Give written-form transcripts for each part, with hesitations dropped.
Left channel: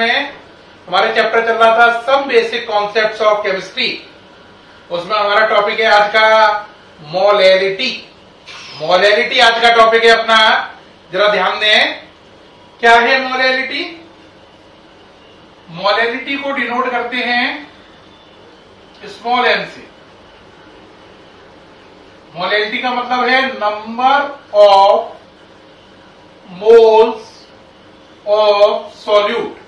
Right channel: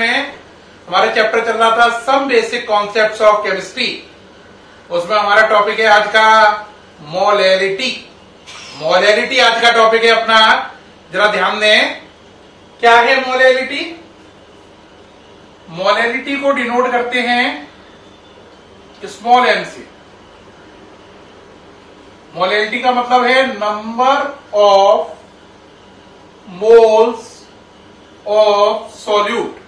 में हमारे चैप्टर चल रहा था some basic concepts of chemistry. उसमें हमारा टॉपिक है आज का मोलैलिटी। मोलैलिटी आज का टॉपिक है अपना। जरा ध्यान दें, क्या है मोलैलिटी? मोलैलिटी को डिनोट करते हैं स्मॉल एम से। मोलैलिटी का मतलब है number of moles of solute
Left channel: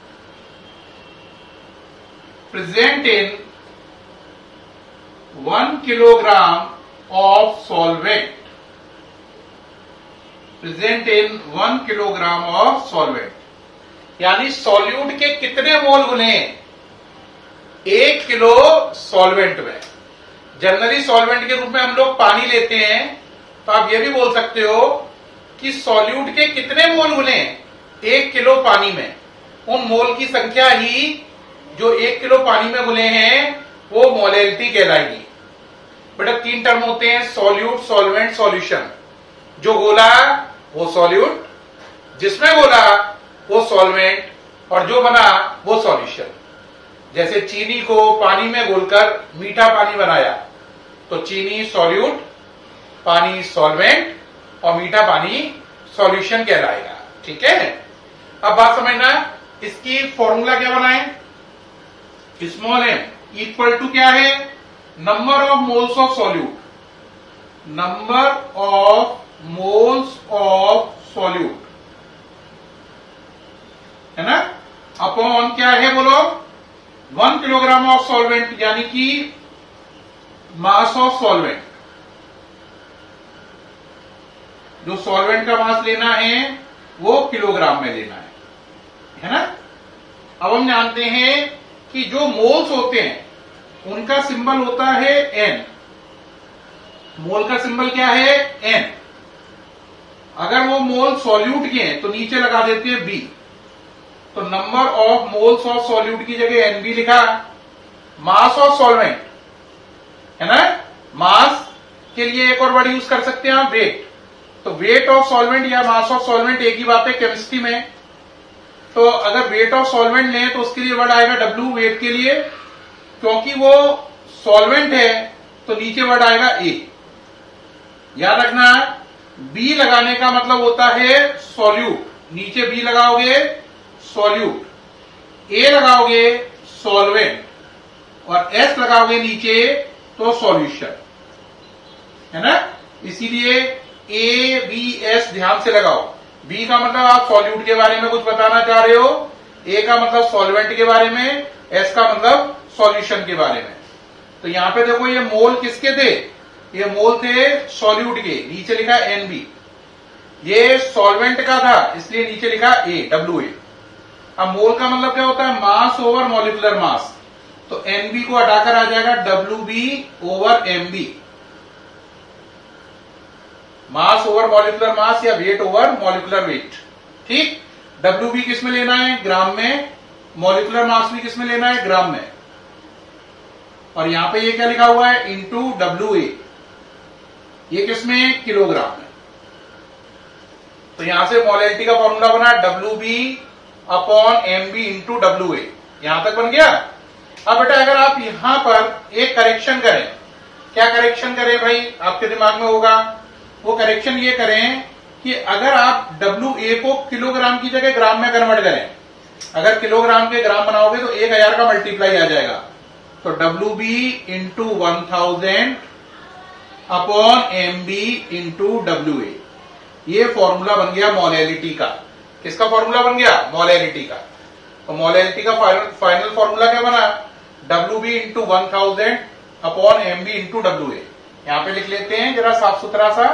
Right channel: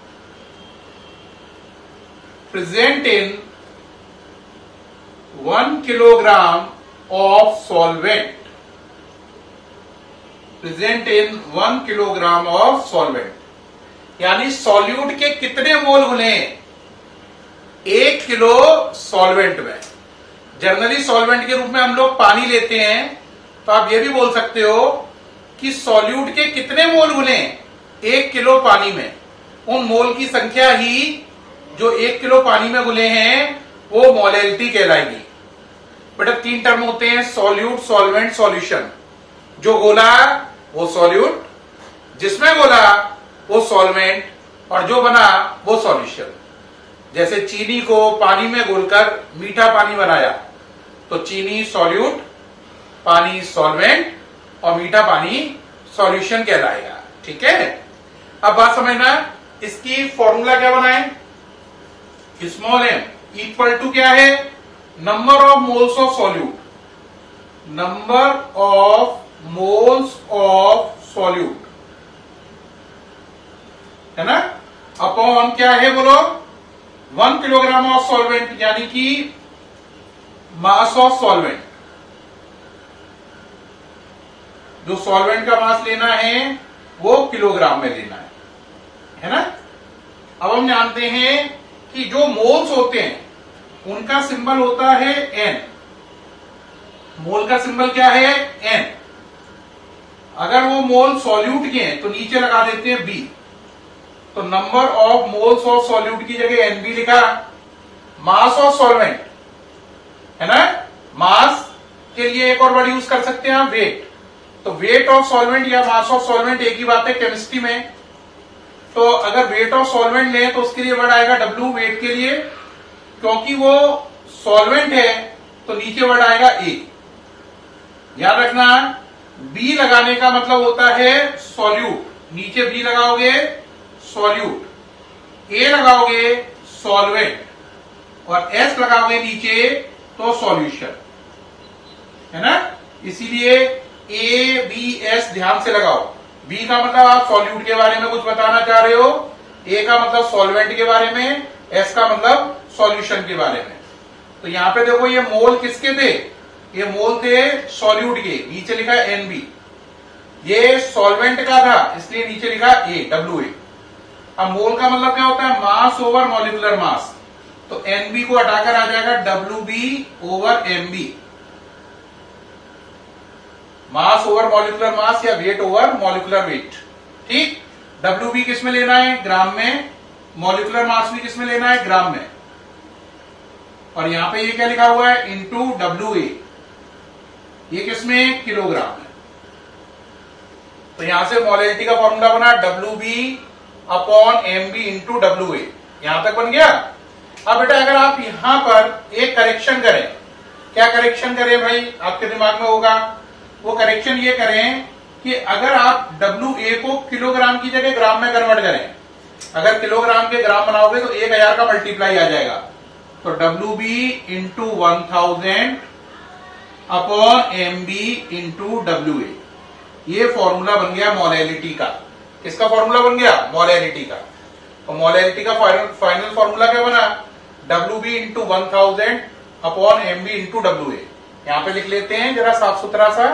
present in 1 kilogram of solvent. Present in 1 kilogram of solvent, यानी सॉल्यूट के कितने मोल गुने 1 किलो सॉल्वेंट में। जनरली सॉल्वेंट के रूप में हम लोग पानी लेते हैं, तो आप ये भी बोल सकते हो कि सॉल्यूट के कितने मोल गुने 1 किलो पानी में। उन मोल की संख्या ही जो 1 किलो पानी में गुने हैं वो मोलैलिटी कहलाएगी। बेटा 3 टर्म होते हैं, सॉल्यूट, सॉल्वेंट, सॉल्यूशन। जो गोला वो सॉल्यूट, जिसमें गोला वो सॉल्वेंट, और जो बना वो सॉल्यूशन। जैसे चीनी को पानी में घोलकर मीठा पानी बनाया तो चीनी सॉल्यूट, पानी सॉल्वेंट और मीठा पानी सॉल्यूशन कहलाएगा। ठीक है, अब बात समझना, इसकी फॉर्मूला क्या बनाए? स्मॉल एम इक्वल टू क्या है? Number of moles of solute, number of moles of solute, है ना, अपॉन क्या है बोलो? 1 किलोग्राम ऑफ सॉल्वेंट, यानी कि मास ऑफ सॉल्वेंट। जो सॉल्वेंट का मास लेना है वो किलोग्राम में लेना है ना। अब हम जानते हैं कि जो मोल्स होते हैं उनका सिंबल होता है एन। मोल का सिंबल क्या है? एन। अगर वो मोल सॉल्यूट के हैं तो नीचे लगा देते हैं बी। तो number of moles of solute की जगह एन बी लिखा। मास ऑफ सॉल्वेंट, है ना, मास के लिए एक और वर्ड यूज कर सकते हैं आप, वेट। तो वेट ऑफ सॉल्वेंट या मास ऑफ सॉल्वेंट एक ही बात है केमिस्ट्री में। तो अगर वेट ऑफ सॉल्वेंट लें तो उसके लिए वर्ड आएगा डब्ल्यू, वेट के लिए। क्योंकि वो सॉल्वेंट है तो नीचे वर्ड आएगा ए। याद रखना, बी लगाने का मतलब होता है सॉल्यूट, नीचे बी लगाओगे सॉल्यूट, ए लगाओगे सॉल्वेंट और एस लगाओगे नीचे तो सॉल्यूशन, है ना। इसीलिए ए बी एस ध्यान से लगाओ। बी का मतलब आप सॉल्यूट के बारे में कुछ बताना चाह रहे हो, ए का मतलब सॉल्वेंट के बारे में, एस का मतलब सॉल्यूशन के बारे में। तो यहां पे देखो ये मोल किसके थे? ये मोल थे सॉल्यूट के, नीचे लिखा एन बी। ये सॉल्वेंट का था इसलिए नीचे लिखा ए, डब्ल्यू ए। अब मोल का मतलब क्या होता है? Mass over molecular mass. तो एन बी को हटाकर आ जाएगा W B over M B. Mass over molecular mass या वेट ओवर मॉलिक्यूलर वेट। ठीक, डब्ल्यू बी किस में लेना है? ग्राम में। मॉलिक्यूलर मास भी किस में लेना है? ग्राम में। और यहां पे ये क्या लिखा हुआ है? Into W A. ये किसमें? किलोग्राम में। तो यहां से मोलैलिटी का फॉर्मूला बना W B upon M B into W A. यहां तक बन गया। अब बेटा अगर आप यहां पर एक करेक्शन करें, क्या करेक्शन करें भाई? आपके दिमाग में होगा वो करेक्शन ये करें कि अगर आप डब्ल्यू ए को किलोग्राम की जगह ग्राम में कन्वर्ट करें, अगर किलोग्राम के ग्राम बनाओगे तो 1000 का मल्टीप्लाई आ जाएगा। तो W B into 1000 upon M B into W A. ये फॉर्मूला बन गया मोलैलिटी का। किसका फॉर्मूला बन गया? मोलैलिटी का। तो मोलैलिटी का फाइनल फॉर्मूला क्या बना? W B into 1000 upon M B into W A. यहां पे लिख लेते हैं जरा साफ सुथरा सा।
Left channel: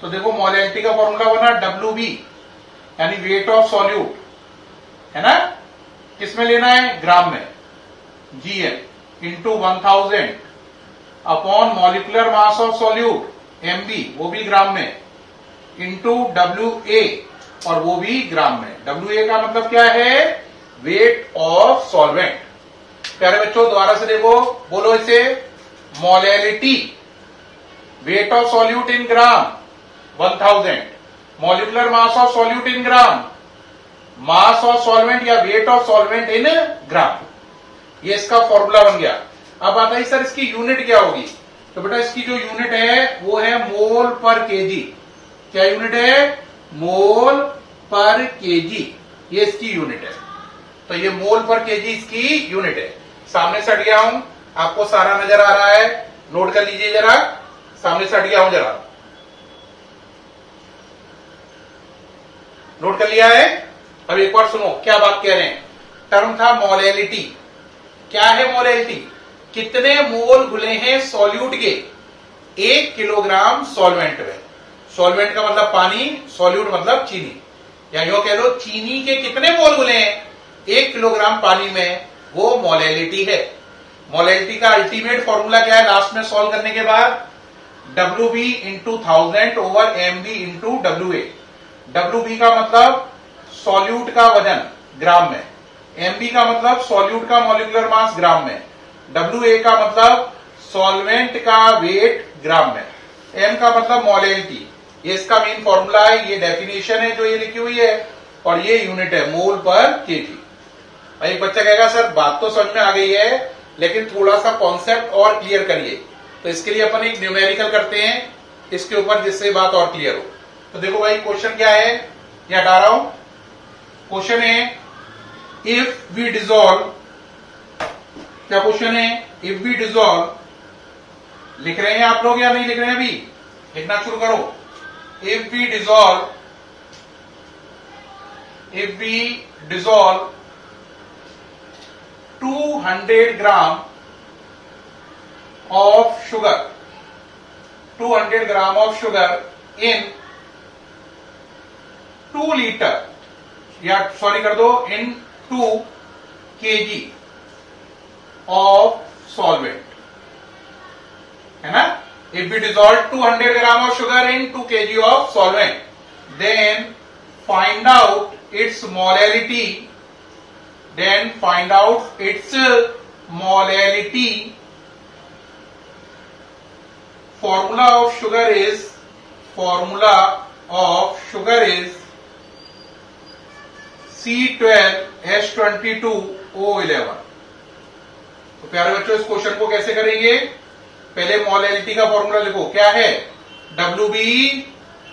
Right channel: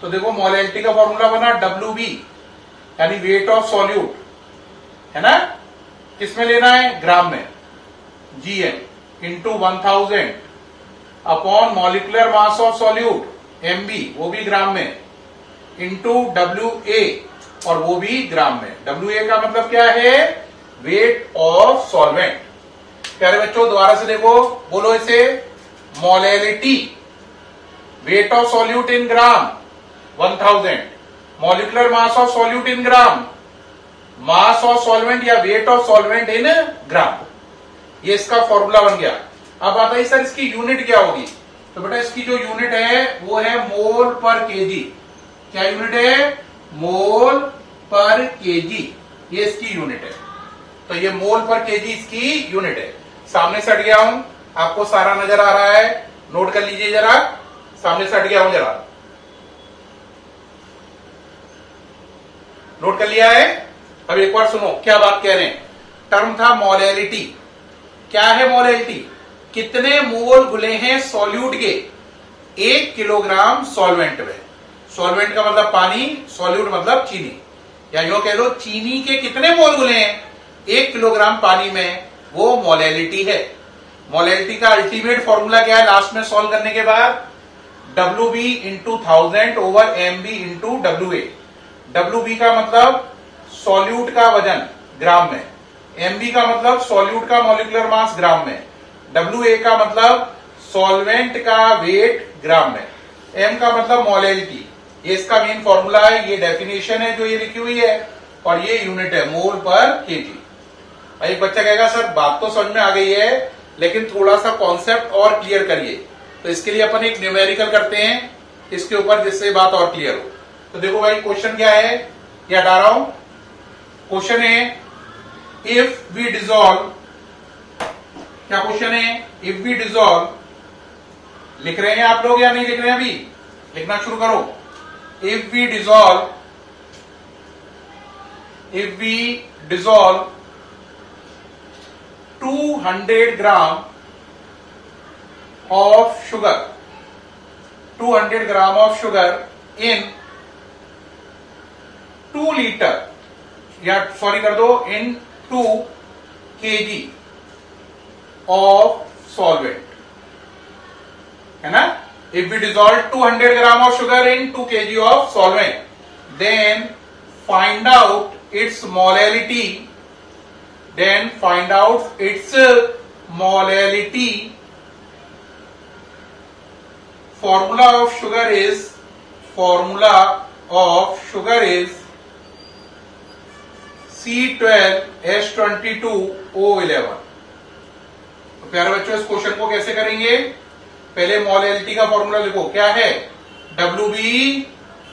तो देखो मोलैलिटी का फॉर्मूला बना डब्ल्यू बी यानी वेट ऑफ सॉल्यूट, है ना, किसमें लेना है? ग्राम में, G M into 1000 upon molecular mass of solute M B, वो भी ग्राम में, इंटू डब्ल्यू ए और वो भी ग्राम में। डब्ल्यू ए का मतलब क्या है? Weight of solvent. प्यारे बच्चों दोबारा से देखो, बोलो इसे, molality, wait of solute in gram 1000, molecular mass of solute in gram mass of solvent या वेट ऑफ सॉल्वेंट इन ग्राम। ये इसका फॉर्मूला बन गया। अब आता है सर इसकी यूनिट क्या होगी, तो बेटा इसकी जो यूनिट है वो है मोल पर केजी। क्या यूनिट है? मोल पर केजी, ये इसकी यूनिट है। तो ये मोल पर केजी इसकी यूनिट है। सामने से हट गया हूं, आपको सारा नजर आ रहा है, नोट कर लीजिए जरा। सामने से हट गया हूं, जरा नोट कर लिया है। अब एक बार सुनो क्या बात कह रहे हैं। टर्म था मोलैलिटी। क्या है मोलैलिटी? कितने मोल घुले हैं सॉल्यूट के 1 किलोग्राम सॉल्वेंट में। सॉल्वेंट का मतलब पानी, सॉल्यूट मतलब चीनी, या यूं कह दो चीनी के कितने मोल घुले हैं 1 किलोग्राम पानी में, वो मोलैलिटी है। मोलैलिटी का अल्टीमेट फॉर्मूला क्या है लास्ट में सॉल्व करने के बाद? WB into 1000 over MB into WA। WB का मतलब सॉल्यूट का वजन ग्राम में, MB का मतलब सॉल्यूट का मॉलिक्यूलर मास ग्राम में, WA का मतलब सॉल्वेंट का वेट ग्राम में, M का मतलब मोलैलिटी। ये इसका मेन फॉर्मूला है, ये डेफिनेशन है जो ये लिखी हुई है, और ये यूनिट है मोल पर केजी। एक बच्चा कहेगा सर बात तो समझ में आ गई है, लेकिन थोड़ा सा कॉन्सेप्ट और क्लियर करिए। तो इसके लिए अपन एक न्यूमेरिकल करते हैं इसके ऊपर, जिससे बात और क्लियर हो। तो देखो भाई क्वेश्चन क्या है, या हटा रहा हूं। क्वेश्चन है इफ वी डिजोल्व, क्या क्वेश्चन है? इफ वी डिजोल्व, लिख रहे हैं आप लोग या नहीं लिख रहे हैं? अभी लिखना शुरू करो। If we dissolve 200 gram of sugar, 200 gram of sugar in 2 litre, या सॉरी कर दो इन 2 kg ऑफ सॉल्वेंट, है ना। If we dissolve 200 gram of sugar in 2 kg of solvent, then find out its molality, formula of sugar is C12H22O11। तो प्यारे बच्चों इस question को कैसे करेंगे? पहले मोलैलिटी का फॉर्मूला लिखो, क्या है? WB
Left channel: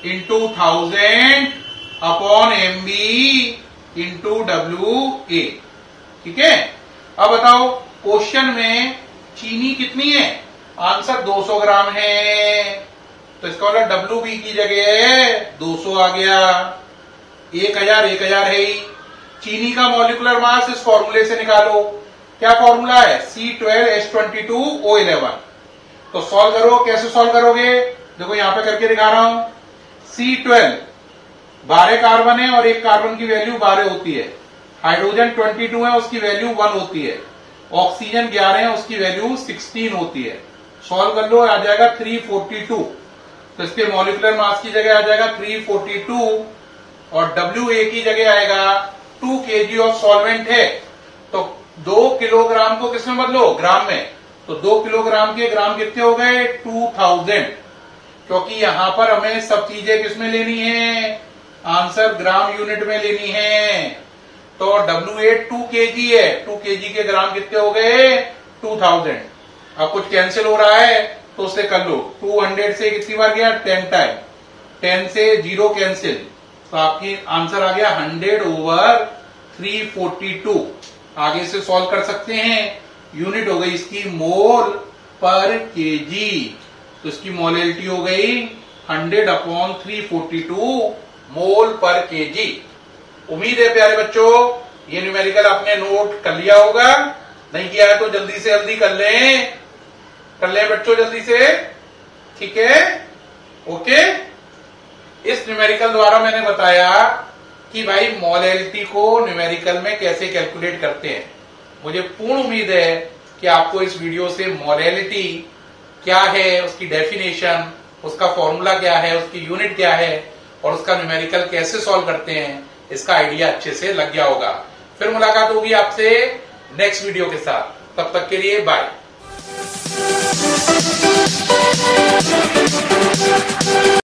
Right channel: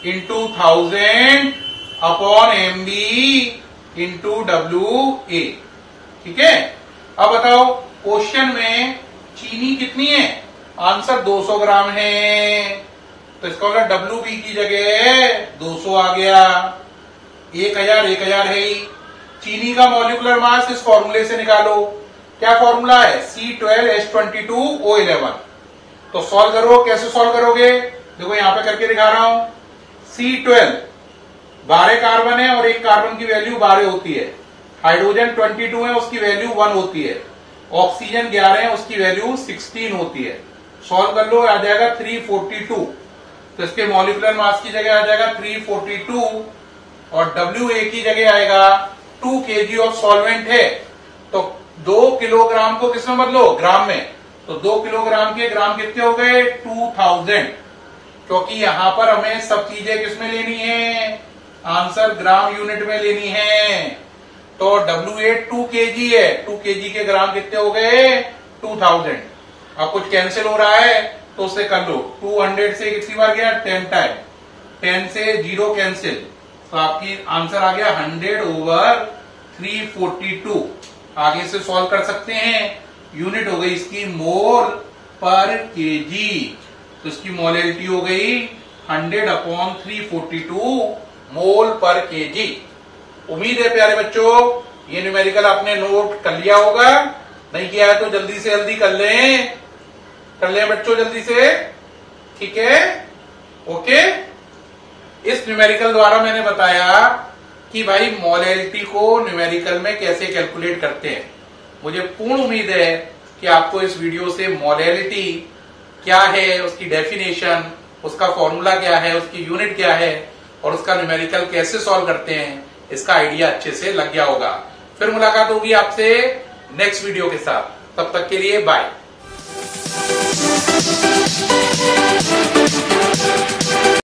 into 1000 upon MB into WA। ठीक है। अब बताओ क्वेश्चन में चीनी कितनी है? आंसर 200 ग्राम है, तो इसका मतलब WB की जगह 200 आ गया। 1000 है ही। चीनी का मॉलिक्यूलर मास इस फॉर्मूले से निकालो। क्या फॉर्मूला है? C12H22O11। तो सॉल्व करो। कैसे सॉल्व करोगे? देखो यहां पे करके दिखा रहा हूं। C12 12 कार्बन है और एक कार्बन की वैल्यू 12 होती है। हाइड्रोजन 22 है, उसकी वैल्यू 1 होती है। ऑक्सीजन 11 है, उसकी वैल्यू 16 होती है। सॉल्व कर लो, आ जाएगा 342। तो इसके मॉलिक्यूलर मास की जगह आ जाएगा 342 और WA की जगह आएगा 2 kg ऑफ सॉल्वेंट है। तो 2 किलोग्राम को किसमें बदलो? ग्राम में। तो 2 किलोग्राम के ग्राम कितने हो गए? 2000। क्योंकि यहां पर हमें सब चीजें किसमें लेनी है? आंसर ग्राम यूनिट में लेनी है। तो WA 2 kg है, 2 kg के ग्राम कितने हो गए? 2000। अब कुछ कैंसिल हो रहा है तो उससे कर लो। 200 से कितनी बार गया? 10 टाइम। 10 से 0 कैंसिल, तो आपकी आंसर आ गया 100/342। आगे से सॉल्व कर सकते हैं। यूनिट हो गई इसकी मोल पर केजी, तो इसकी मोलैलिटी हो गई 100/342 मोल पर केजी। उम्मीद है प्यारे बच्चों ये न्यूमेरिकल आपने नोट कर लिया होगा। नहीं किया है तो जल्दी से जल्दी कर लें बच्चों, जल्दी से। ठीक है, ओके। इस न्यूमेरिकल द्वारा मैंने बताया कि भाई मोलैलिटी को न्यूमेरिकल में कैसे कैलकुलेट करते हैं। मुझे पूर्ण उम्मीद है कि आपको इस वीडियो से मोलैलिटी क्या है, उसकी डेफिनेशन, उसका फॉर्मूला क्या है, उसकी यूनिट क्या है और उसका न्यूमेरिकल कैसे सॉल्व करते हैं, इसका आइडिया अच्छे से लग गया होगा। फिर मुलाकात होगी आपसे नेक्स्ट वीडियो के साथ। तब तक के लिए बाय।